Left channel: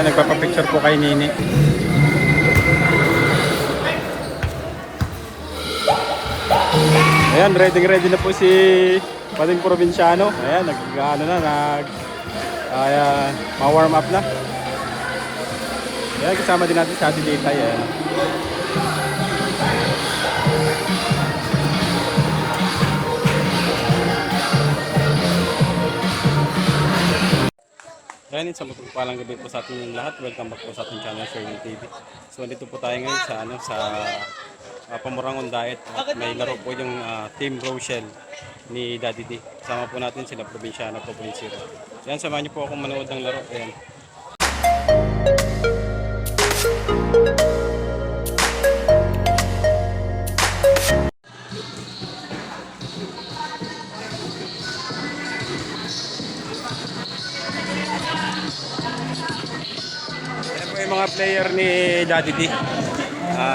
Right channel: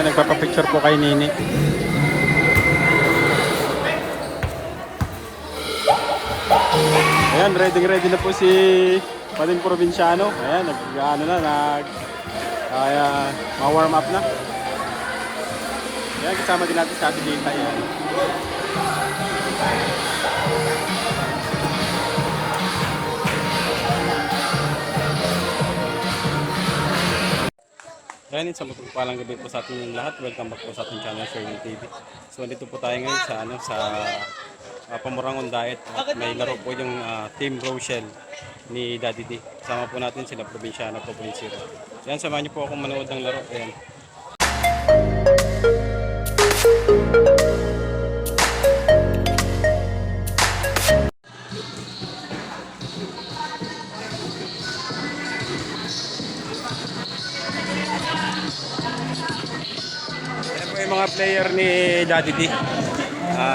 Ayan, nagpapapicture po kay Nini. Ayan, ready na po si Bading Provinciano. Ayan, ma-warm up na. Ayan, kasama din natin sa Ate Ditay. Ayan. Ayan, isang mapagpalang gabi po sa ating lahat. Welcome back po sa ating channel, Sherwin TV. So, dito po tayo ngayon sa Pamurangon Diet. At may laro po yung Team Rochelle ni Daddy D. Kasama po natin sila Provinciano po, Polinsiro. Ayan, samahan niyo po akong manood ng laro. Ayan. Yung mga player ni Daddy D,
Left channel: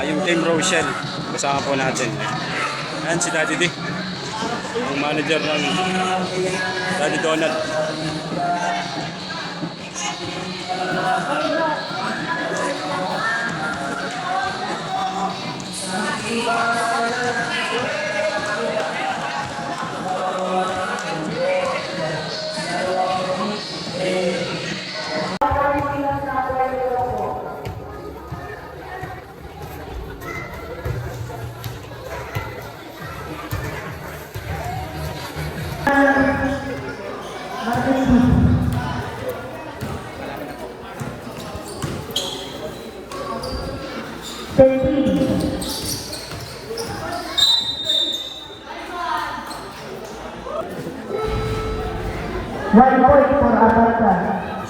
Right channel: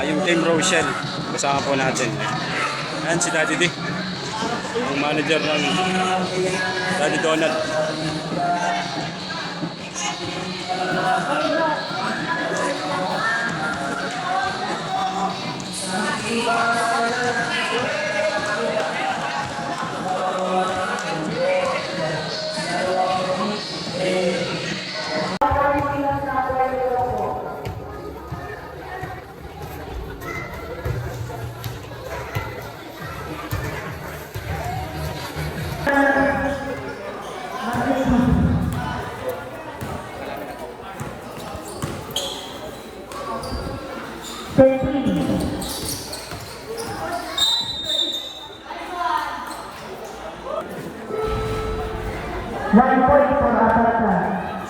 yung Team Rochelle, kasama po natin. Ayan si Daddy D, yung manager ng Daddy Donald.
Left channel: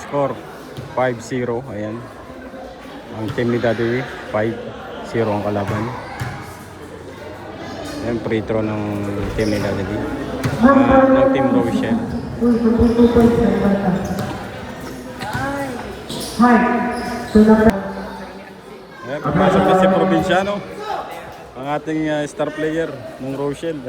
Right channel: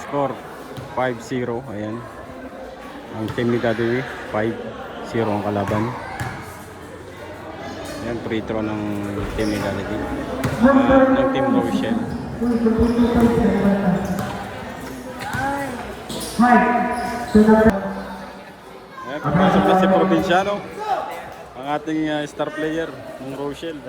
Score 5-0. Ayan, ang team ni Daddy 5-0 ang kalaban. Ayan, free throw ng team ni Daddy ng Team Rochelle. Ayan, papasok na si Provinciano, ang ating star player ng Rochelle.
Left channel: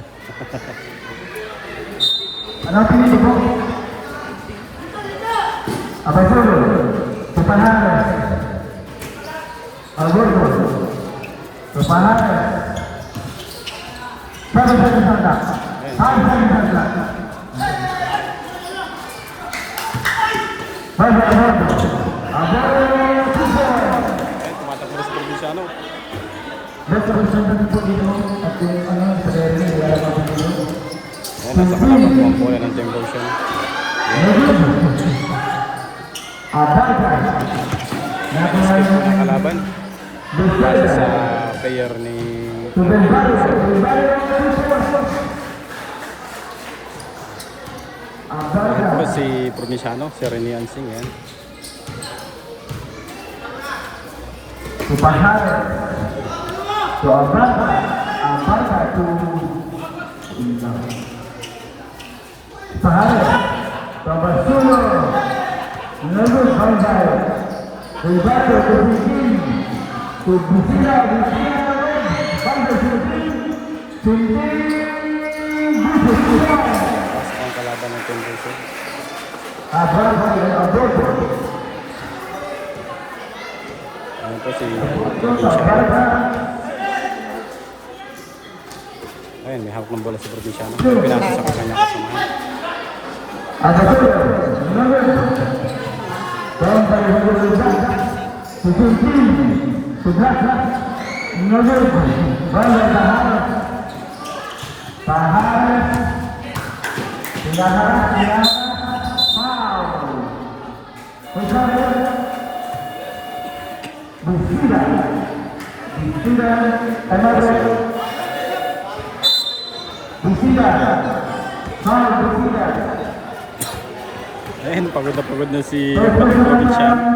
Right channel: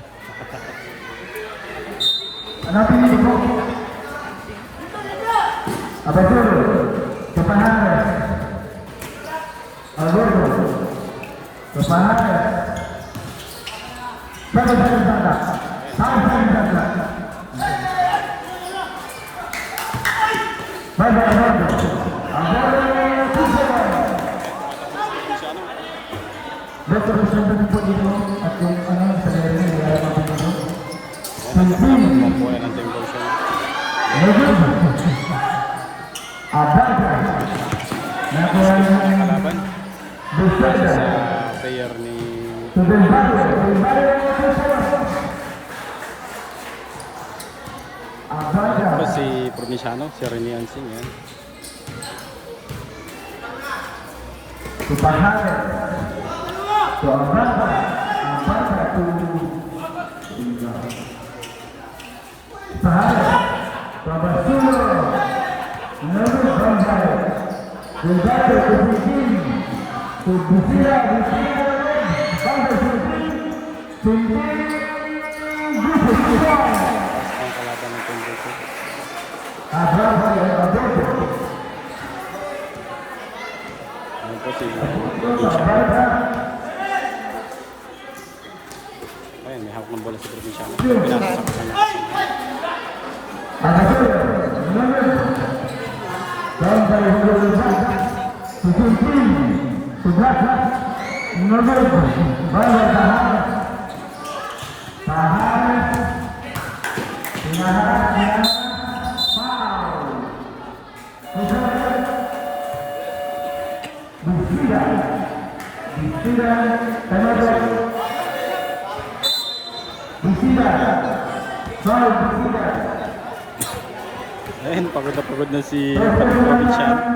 Kalaban sa player ni si Provinciano, si Rene Ansing. Yan. Ang kalaban ng Team Rochelle. Ano po si Provinciano? Ayan, may hawak ng bola si Provinciano. Pinasa sa kanya kasama. Ayan, pagod na si Provinciano.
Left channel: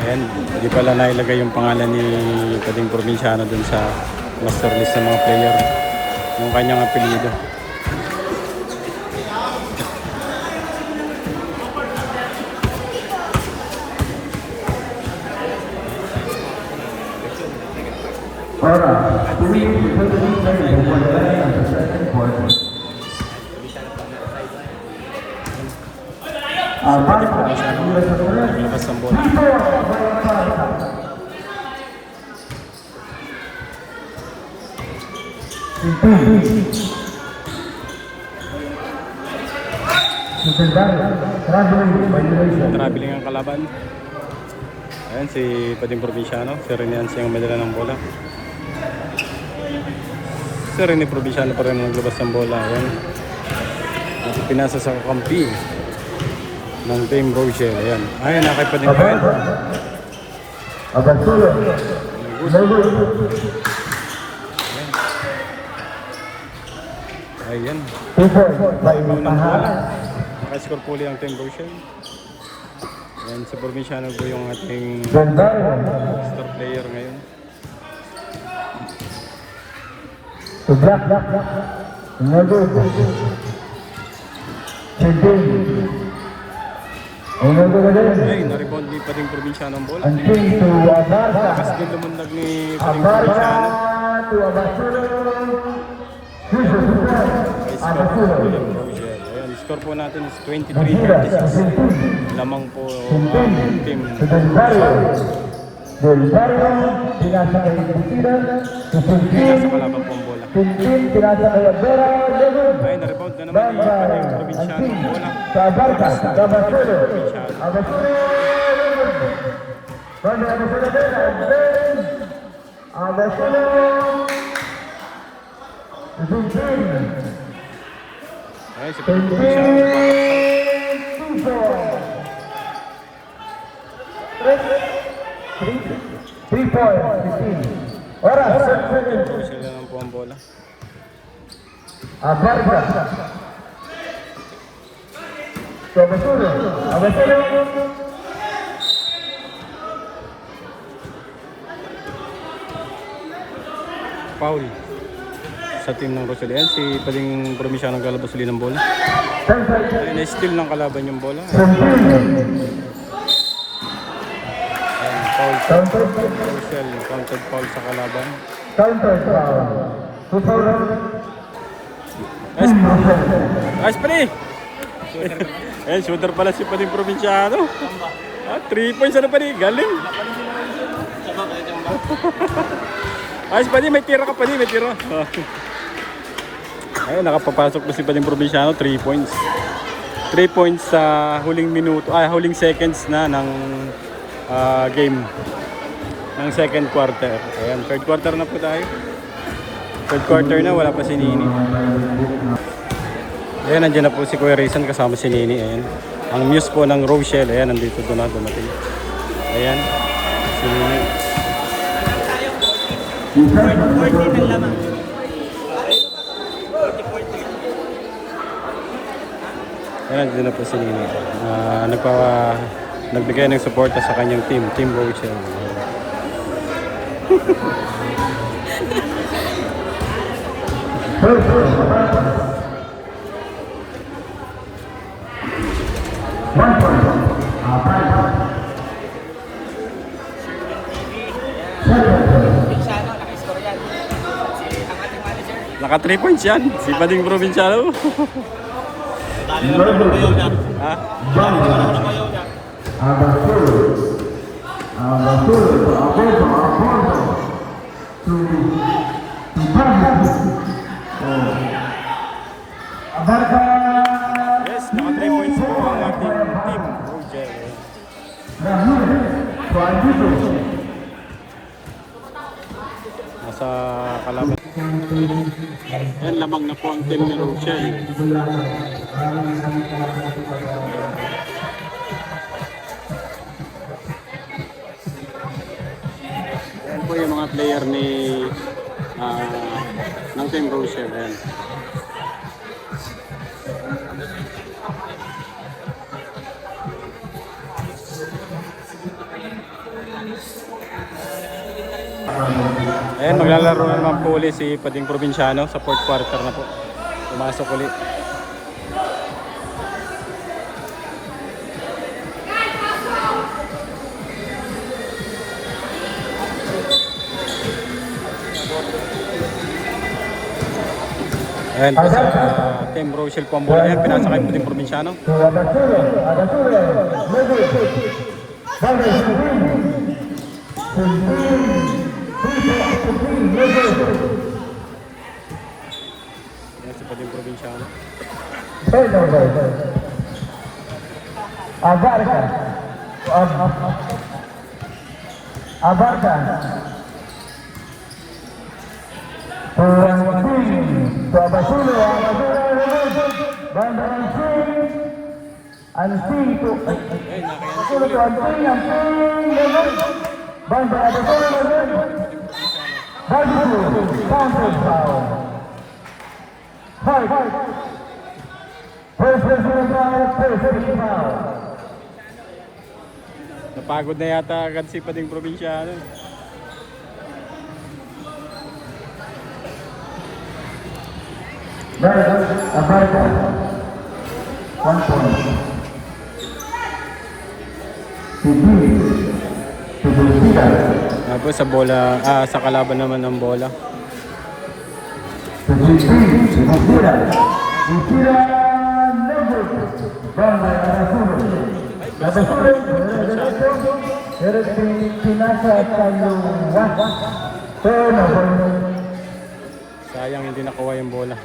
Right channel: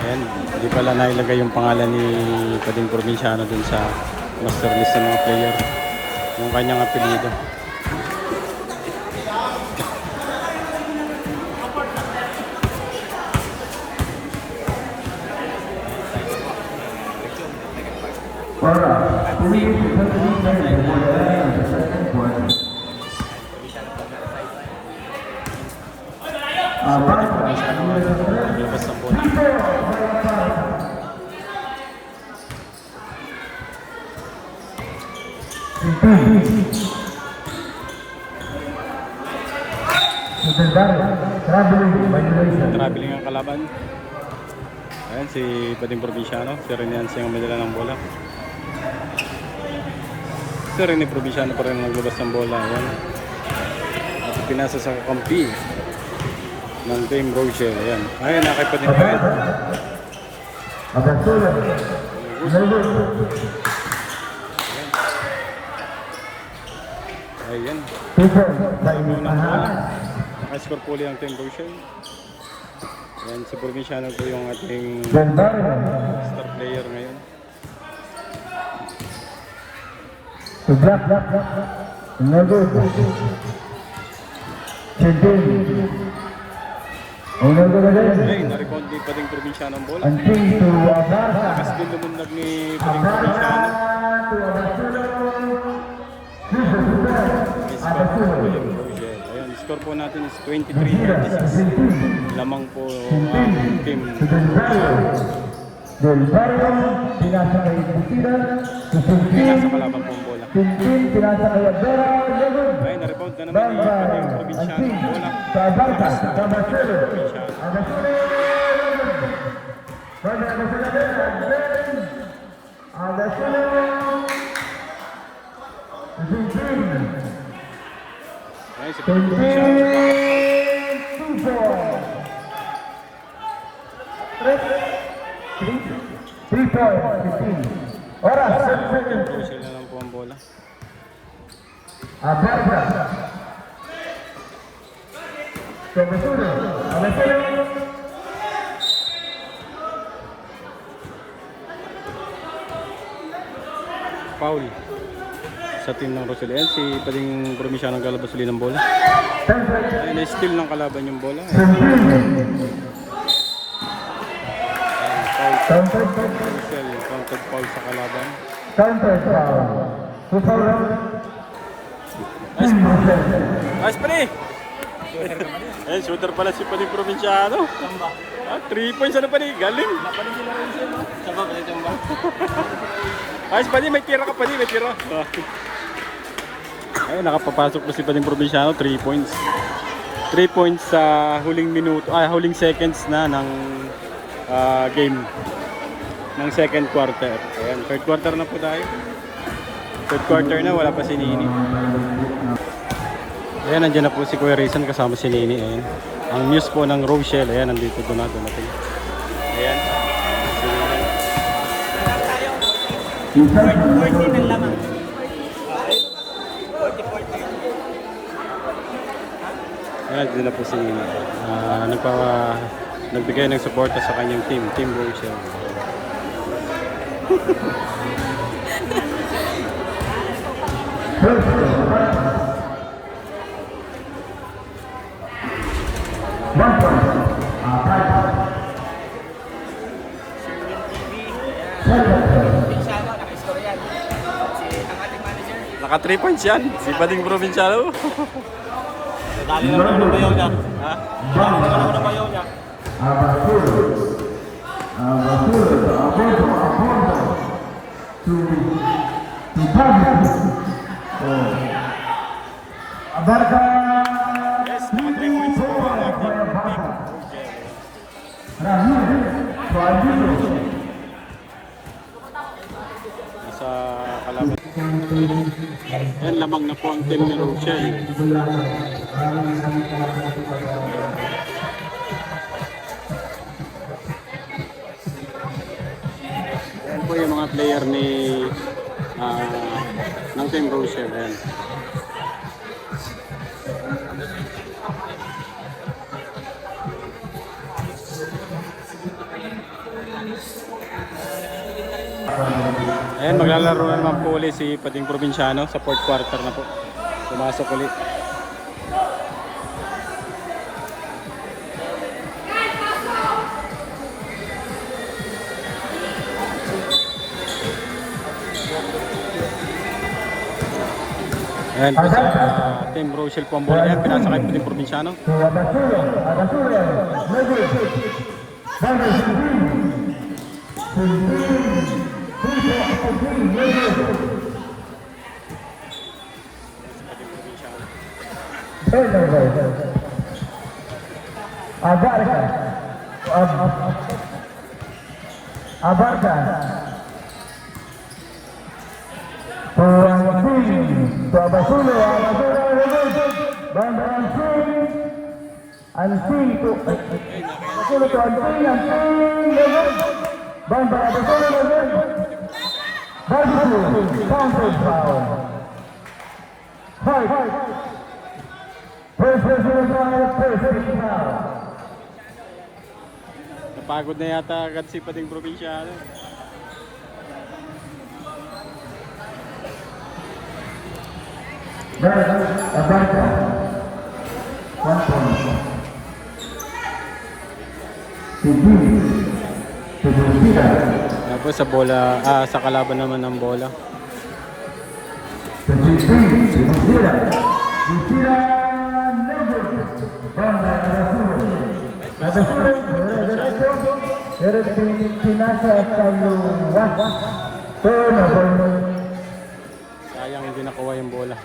Ayan, hindi pala nailagay yung pangalan ni Bading Provinciano dun sa master list ng mga player, yung kanyang apelyido. Labas ng bola. Traveling ang kalaban. Ayan si Pading Provinciano. Si Renians yung madala ng bola. Si Rene Provinciano pa rin naglabas ng bola. Ayan. At pinasa sa kakampi ng Team Rochelle. Ayan. Ayan, nakay Pading Provinciano. Ayan. Nakascore po ang Team Rochelle. Ayan, si Provinciano po yung ating star player ngayon. Ay, na-rebound ni Pading Provinciano ang bola. Lakas din lumundag ni Pading Provinciano. Ayan, score po natin is 23-36. Lamang po yung team. Nasa kalaban po ang bola. Ay, na-rebound na naman ni Pading Provinciano ang bola. Lakas na ni Pading Provinciano. Ay, si Pading Provinciano. Sila lang po ang bola. Foul sa team ng Rochelle. Ayan, si Pading Provinciano galabas ulit ng bola. Ayan, steal ng kalaban yung bola. Ayan, foul sa Rochelle. Counted foul sa kalaban. Nice play! Ayan, shooter pala si Pading Provinciano. 3 points ano pa rin, galing. Ayos pa rin, may tira ka pa rin, may tira. Ayun, nakapapasok na si Pading Provinciano, 3 points. 3 points sa huling minuto, huling seconds na ng game. Ng second quarter. Ayan, third quarter na po tayo. Third quarter na, wala pa si Nini. Ayan, nandiyan na po si Kuya Rizan kasama si Nini. Ayan. Ang muse po ng Rochelle, ayan, nandito doon na dumating. Ayan, si Nini. Ayan, nandiyan na po si Nini. Nagbigay ng suporta sa kanyang team, Team Rochelle. Naka 3 points yan, si Pading Provinciano. Dali mo na bayaw niya. Ha? Dali mo na bayaw niya. Yes, naka 3 points po ang ating team. Nasa kalaban. Yan, lamang na po ang team ni Rochelle. Yan po yung mga player ni ng team Rochelle. Yan. Ayan, maglalaro na naman po ulit si Pading Provinciano sa fourth quarter na po. Pumasok ulit. Ayan po sa Team Rochelle po ang bola yan. Pinasakay po din Provinciano. Ayan si Pading Provinciano. Abarca. Abarca. Babasulo, Ansing to Babasulo to Napagod na yata agad si Pading Provinciano. Tapos sa bola, sa kalaban naman ng bola. Sayang hindi nakuha yung bola.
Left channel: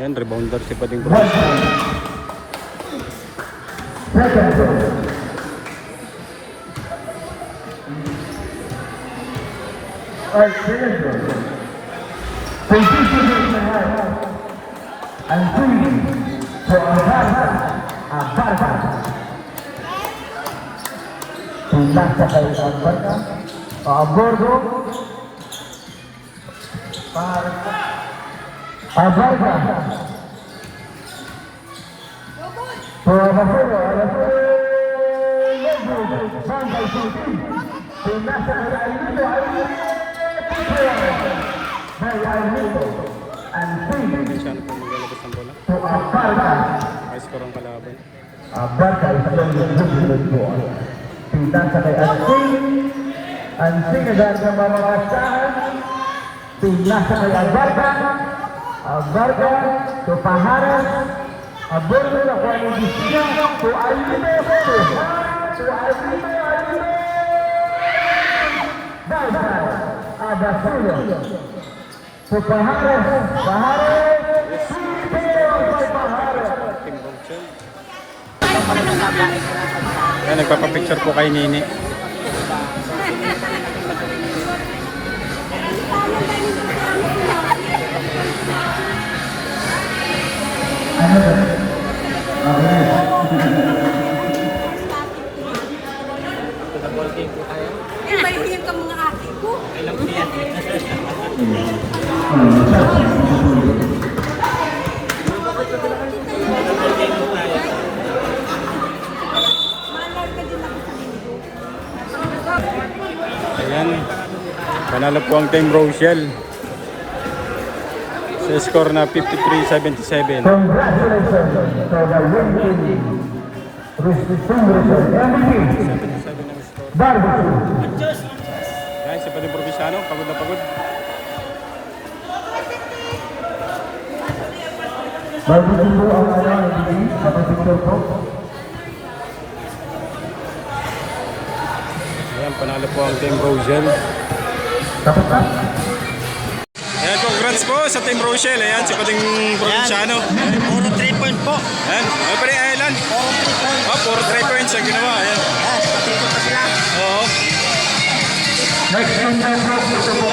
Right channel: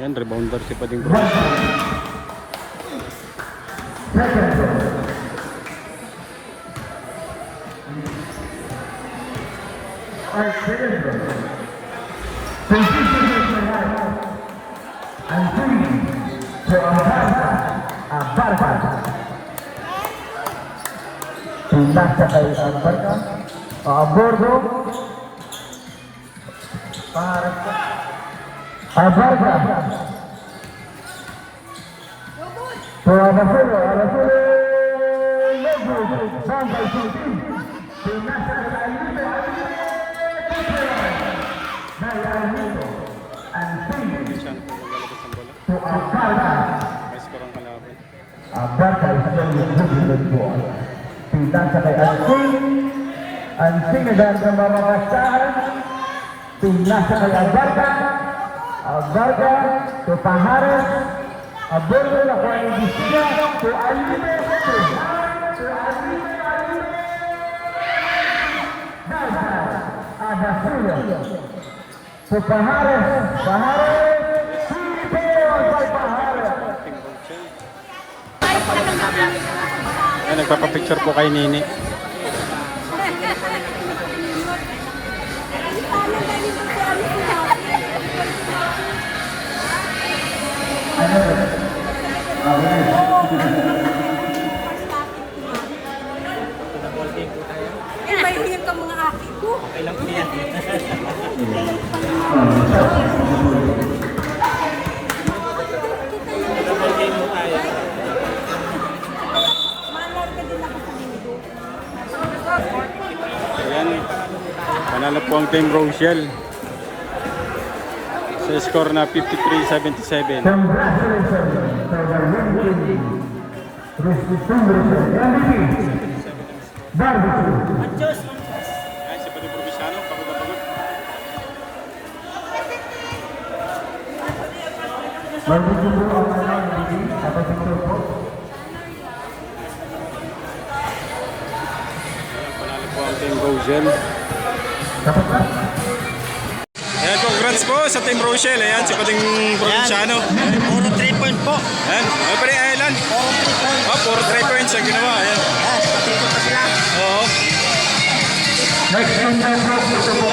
Ayan, rebounder si Pading Provinciano. Nasa kay Abarca. Abordo. Abarca. May score ang kalaban. Abarca is playing good ball. Pindah sa kay Ansing agad ng mamakasahan. Pindah sa kay Abarca. Abarca to Pahares. Abordo na kuha ni Gisina to Alime. Abasaya to Pahares. Pahares. Ayan, nagpapapicture po kay Nini. Mahihiyag ka mga aki ko. Ayan, panalo po ang Team Rochelle. Sa score na 53-77. Ayan, si Pading Provinciano, pagod na pagod. Magiging ang mga ibigay sa pagkakot. Ayan, panalo po ang Team Rochelle. Tapos na. Ayan, congrats po sa Team Rochelle. Ayan, si Pating Provinciano. Puro 3 point po. Ayan, ay pa rin, Ayan. Puro 3 point. Oh, puro 3 points ang ginawa. Ayan. Yes, patito pa sila. Oo. Next team na po, ito po